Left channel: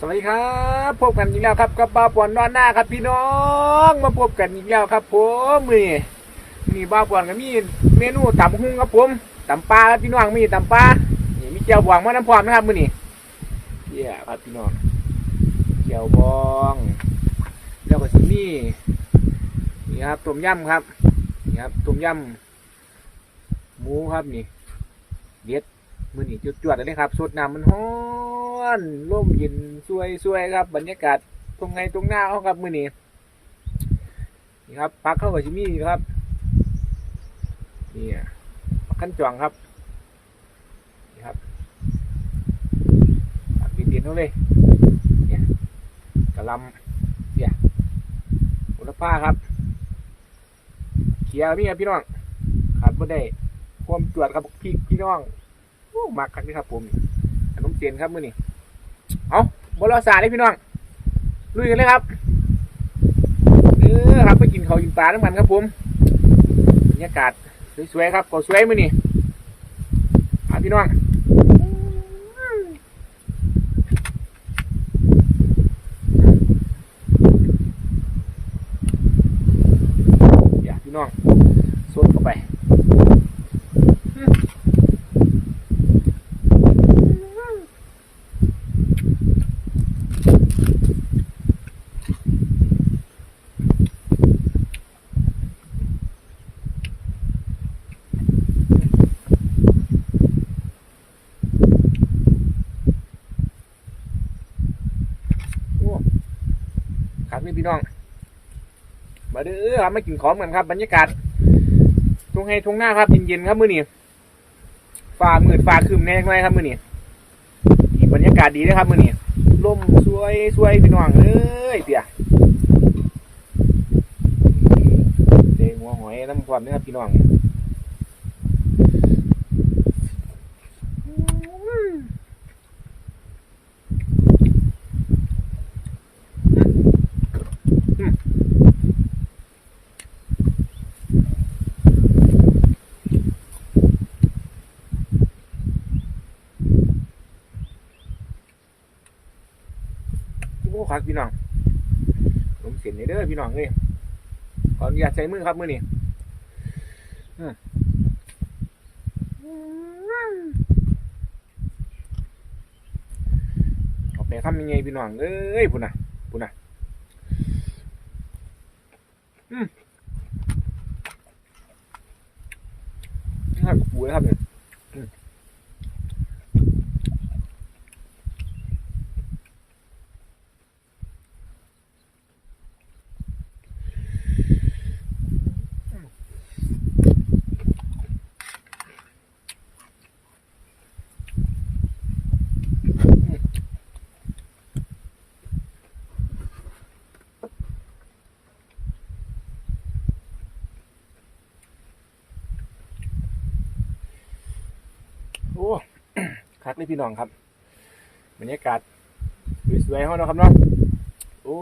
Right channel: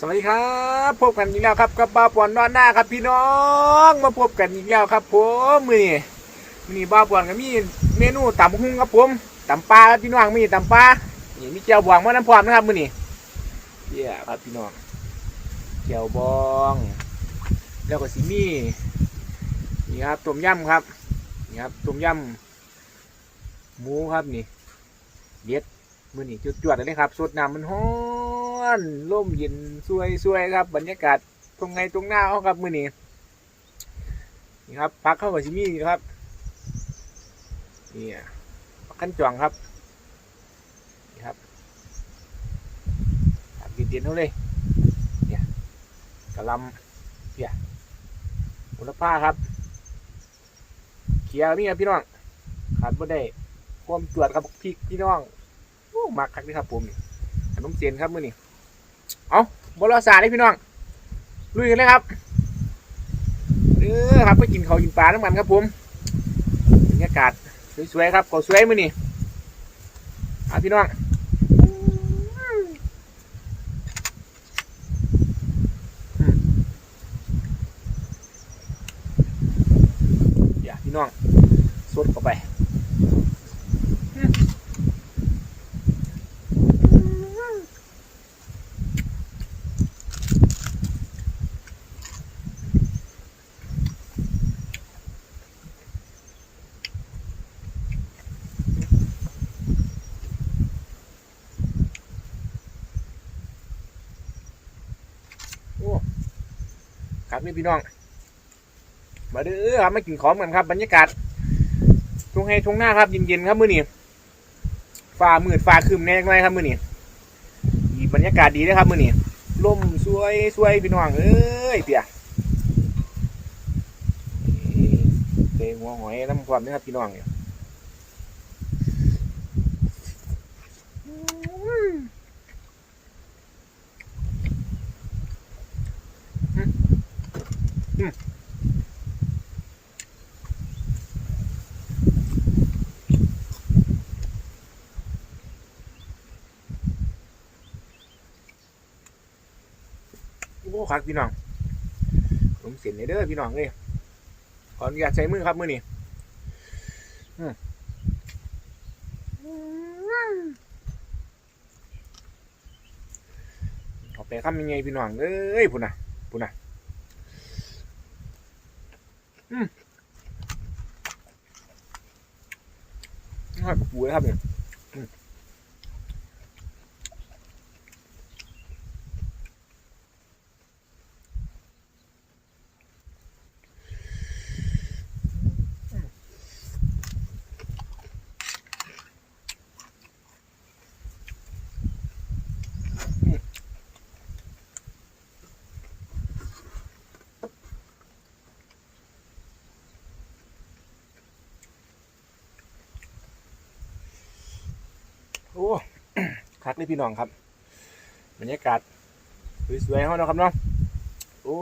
สวัสดีครับพบกันอีกแล้วครับกับบ้าปอนนอนหน้าครับพี่น้องมาพบกันอีกแล้วครับ ผมมือนี้มื้อนี่บ้าปอนก็มีเมนูตำหุ้งครับผมตำปลาครับพี่น้องมีตำปลานี่มีเจียวบองมาน้ำพร้อมนะครับมือนี้เยี่ยครับพี่น้องเจียวบอง แล้วก็สิมีนี่ครับต้มยำครับนี่ครับต้มยำหมูครับนี่เด็ดมือนี่จุดจวดๆเลยครับสดน้ำมันฮ้อ นร่มเย็นสวยสวยครับ บรรยากาศตรงไงตรงหน้าเขาครับมือนี้นี่ครับพักเข้ากับชิมี่ครับนี่อะขั้นจวงครับนี่ครับพักเย็นๆเขาเลยเนี่ยกระลำเนี่ยอุลผ้าครับเขียวนี่ครับพี่น้องขาดไม่ได้ความจวดครับพี่พี่น้องโอ้มักคักนี่ครับผมนี่ขนมเจนครับมื้อนี้ เอาบรอสาเลยพี่น้อง ลุยกันเลยครับเออครับไปกินเขากินปลาทั้งมันครับผม บรรยากาศสวยๆครับก็สวยมือนี้อะพี่น้องอย่าพี่น้องสดเข้าไป โอ้ครับ นี่พี่น้อง มาเด้อครับมากินของกันครับ บรรยากาศทุ่งให้ทุ่งหน้าครับเย็นๆครับมื้อนี้ฟ้ามืดฟ้าครึมแน่จังไงครับมื้อนี้อีบรรยากาศดีนะครับมื้อนี้ลมสวยสวยพี่น้องเอ้ยเปียเด้หัวหอยน้ำความนะครับพี่น้องเนี่ยโอ้ครับพี่น้องผมเสียนเด้อพี่น้องเลยขออนุญาตใช้มือครับมือนี้อืมเอาไปคำยังไงพี่น้องเอ้ยพุ่นน่ะพุ่นน่ะอืมหักปูเลยครับเนี่ยอืมโอ้ คักเลยพี่น้องครับบรรยากาศสวยๆเขาเนาะครับเนาะโอ้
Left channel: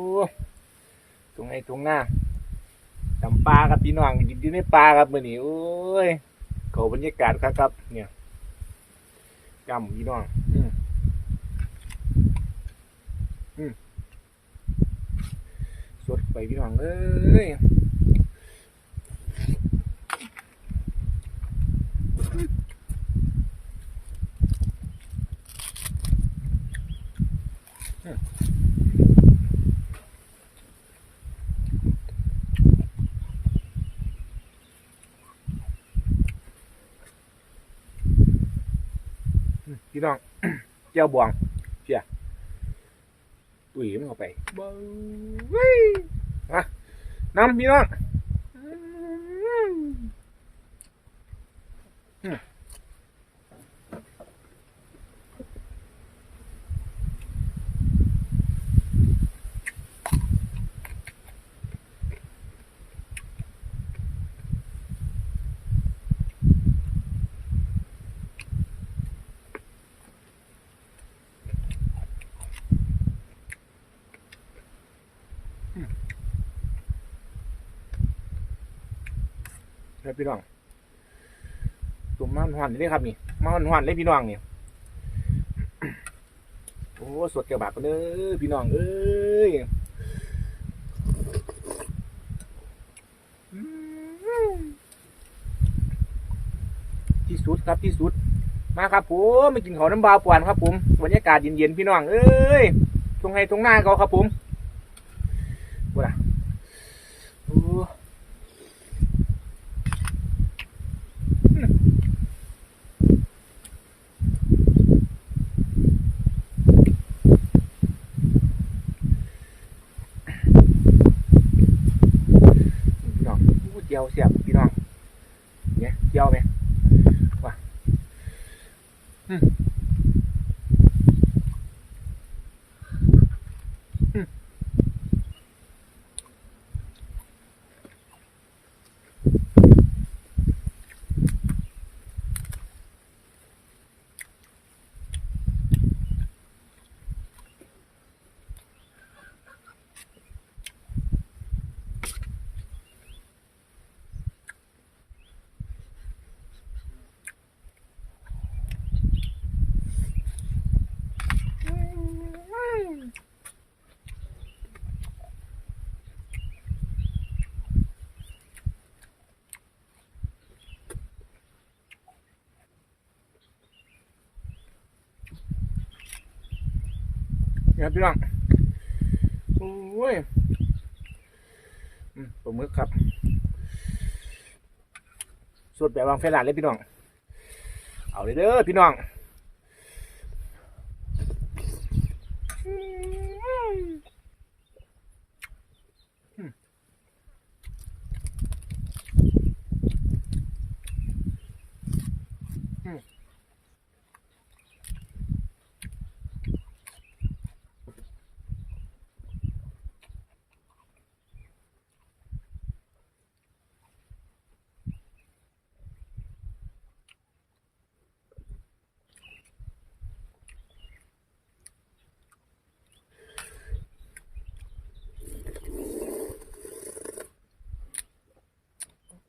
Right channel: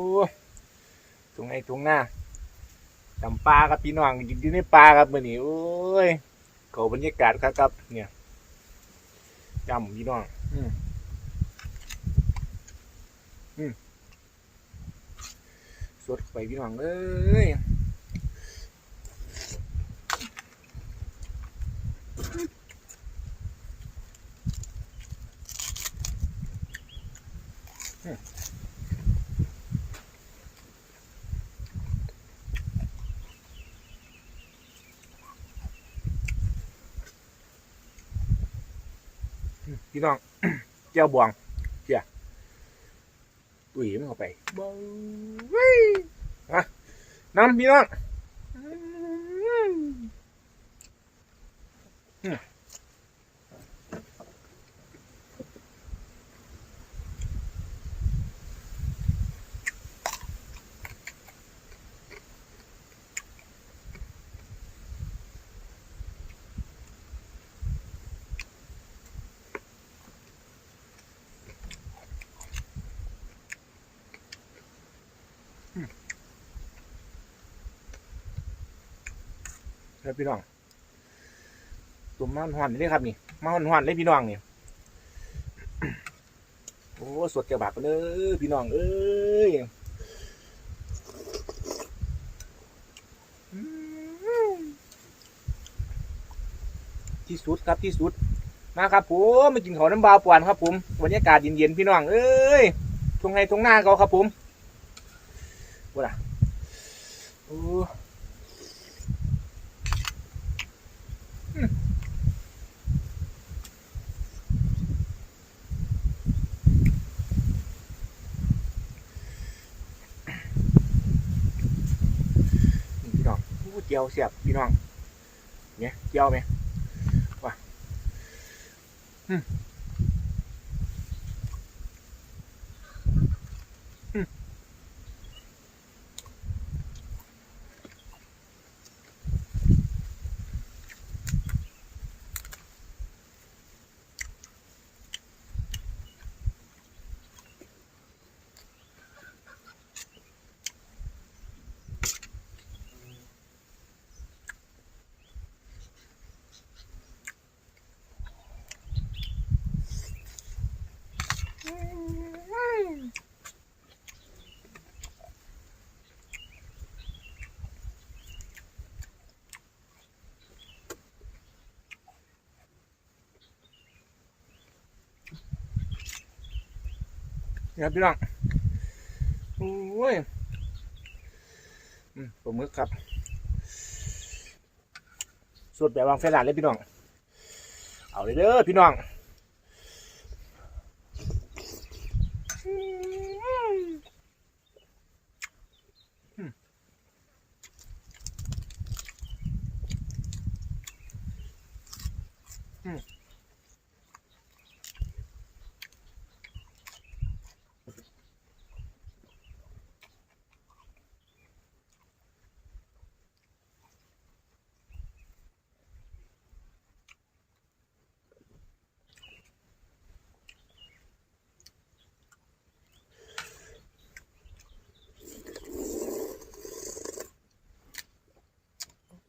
ตรงไอ้ตรงหน้าจำปลาครับพี่น้องกินอยู่ในปลาครับมื่อนี้โอ้ยเขาบรรยากาศครับครับ เนี่ยจำพี่น้อง อืมอืมสดไปพี่น้องเอ้ย พี่น้องเจ้าบวงเจ้าตุ๋ยมันเข้าไปบเว้ยอะน้ำพี่น้อง ครับพี่น้องตุ่มมันหวานเลยครับนี่มันหวานเลยพี่น้องนี่โอ้สดแก้วบาปกันเด้อพี่น้องเอ้ยที่สุดครับที่สุด มาครับผมมากินข้าวน้ำบาวปวนครับผมบรรยากาศเย็นๆพี่น้องเอ้ยตรงไงตรงหน้าเขาครับผมว่าโอ้อืมนี่ พี่น้องผู้เจียวเสียบพี่น้องเนี่ยเจียวไหมว่ะอืม ครับพี่น้อง โอ้ยอืมปลาหมึกครับสดแบบวางเฟรนหลานเลยพี่น้อง เอาเลยเด้อพี่น้อง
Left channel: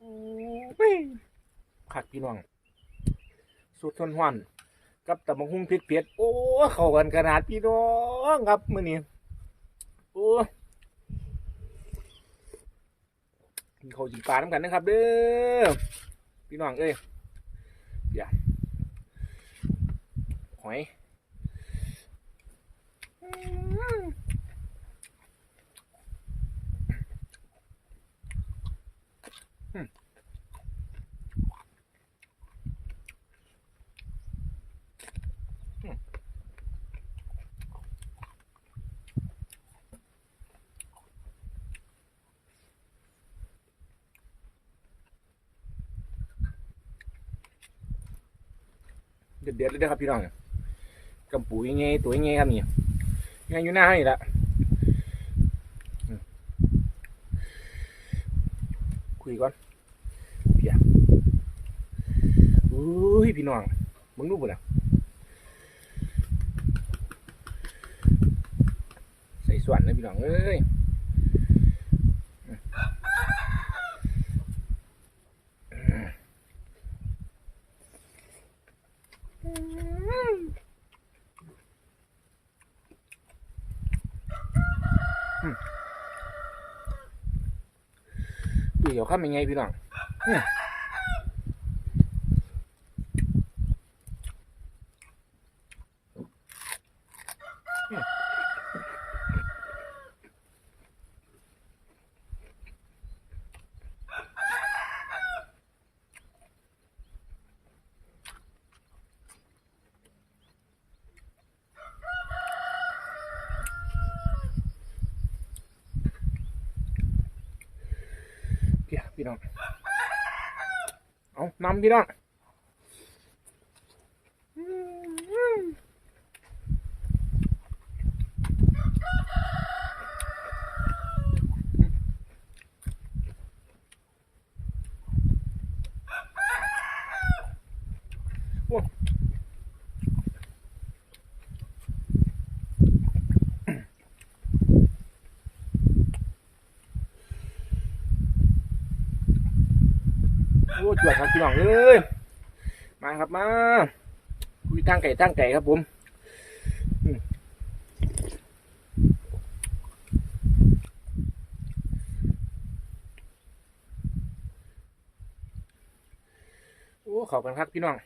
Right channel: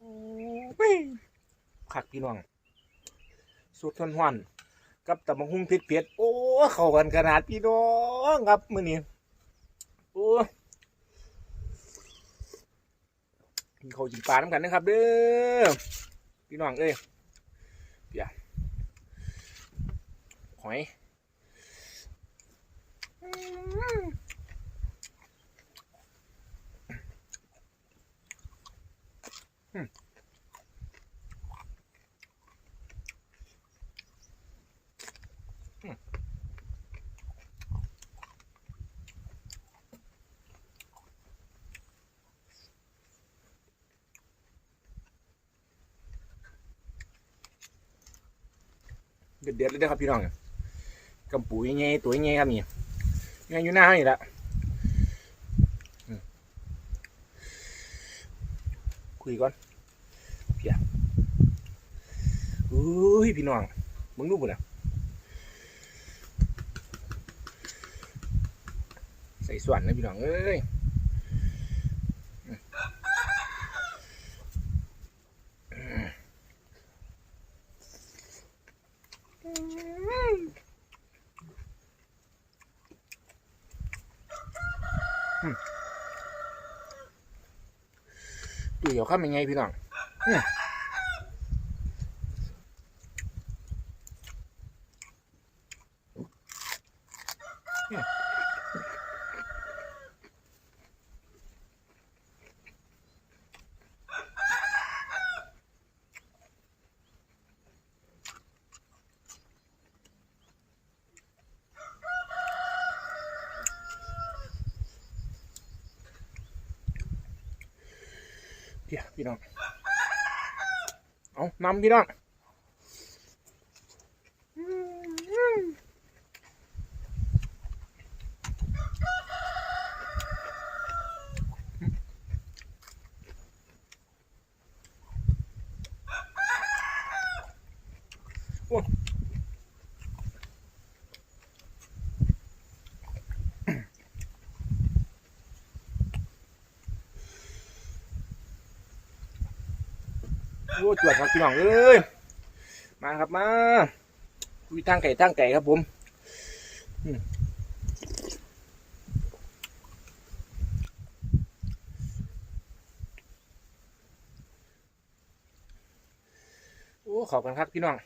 โอ้ยักพี่น้องสุดทนหวันกับตะมังหุงเผ็ดเผ็ดๆโอ้เข้ากันขนาดพี่น้องครับมื้อนี้โอ้กินข้าจิงปลาน้ำกันนะครับ เด้อพี่น้องเอ้ยเดี๋ยหอยอืม เด็ดเด็ดเลยนะครับพี่น้องกำปูยังไงตัวยังไงครับนี่ยังอยู่หน้านี่แหละคุยก่อนเพียอุ้ยพี่น้องมึงรู้ปุ่นอะใส่ส่วนนะพี่น้องเอ้ยอืมดูเดี๋ยว ข้ามยังไงพี่น้องเนี่ย พี่พี่น้อง เอานำพี่น้อง โอ้จวดครับพี่น้องเอ้ยมาครับมาคุยตั้งไก่ตั้งไก่ครับผมโอ้ขอบกันครับพี่น้อง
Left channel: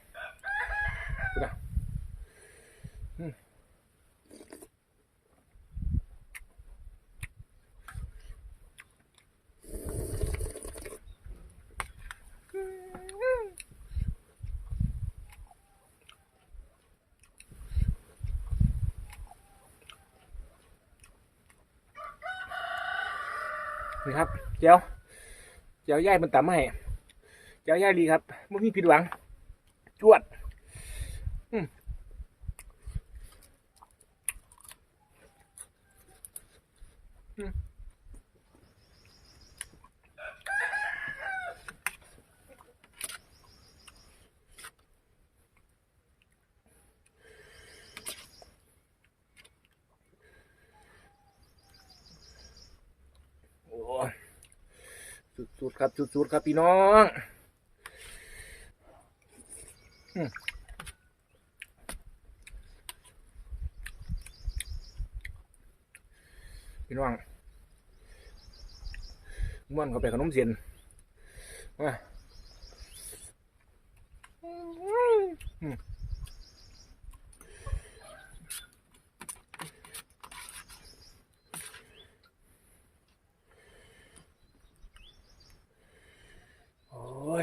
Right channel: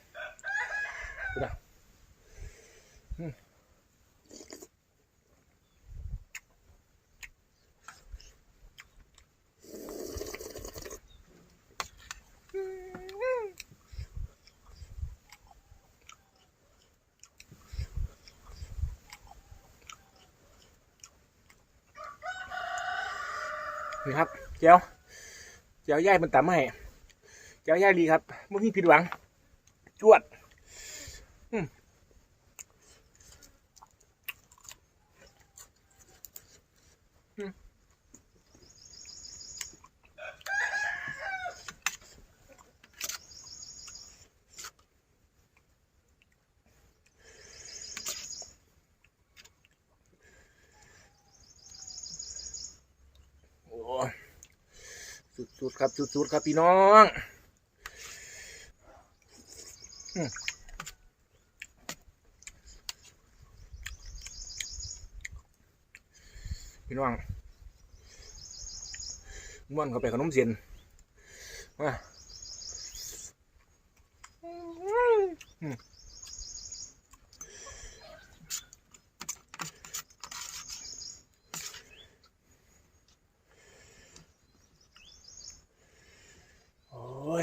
นี่ครับเจ้าเจ้าย่ายมันตำมาให้เจ้าย่ายดีครับไม่มีผิดหวัง จวด สุดๆครับสุดๆครับพี่น้องพี่น้องม่วนเข้าไปขนมเสียนมาอืม โอ้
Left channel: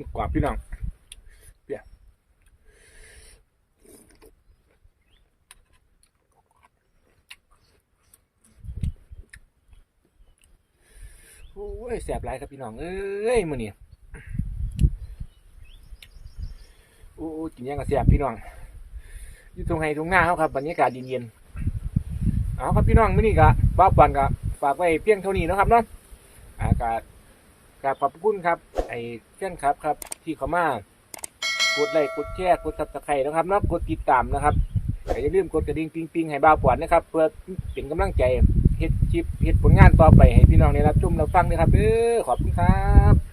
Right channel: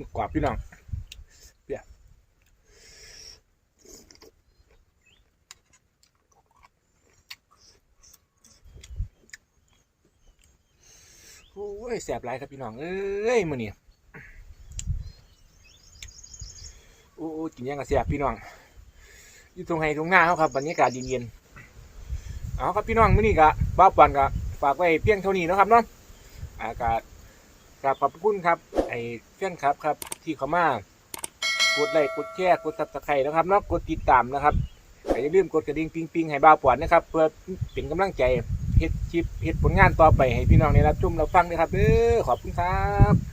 มึกกว่าพี่น้องเปียโอ้ยแสบหลายครับพี่น้อง เอ้ยมือนี่โอ้กินยังกับแสบพี่น้อง อยู่ตรงไห้ตรงหน้าเขาครับบรรยากาศเย็นๆเอาครับพี่น้องมื้อนี้กะบ้าปันกะฝากไว้เพียงเท่านี้นะครับเนาะอากาศ กับขอบคุณครับ ไอ้เพื่อนครับครับ ที่เขามากดไลค์กดแชร์กดตับตะไคร้นะครับแล้วกดติดตามนะครับอย่าลืมกดกระดิ่งปิงปิงให้บ้าวปวดนะครับ เพื่อเป็นกำลังใจเฮ็ดคลิปเฮ็ดผลงานต่อไปให้พี่น้องในรับชมรับฟังนะครับเออขอบคุณครับ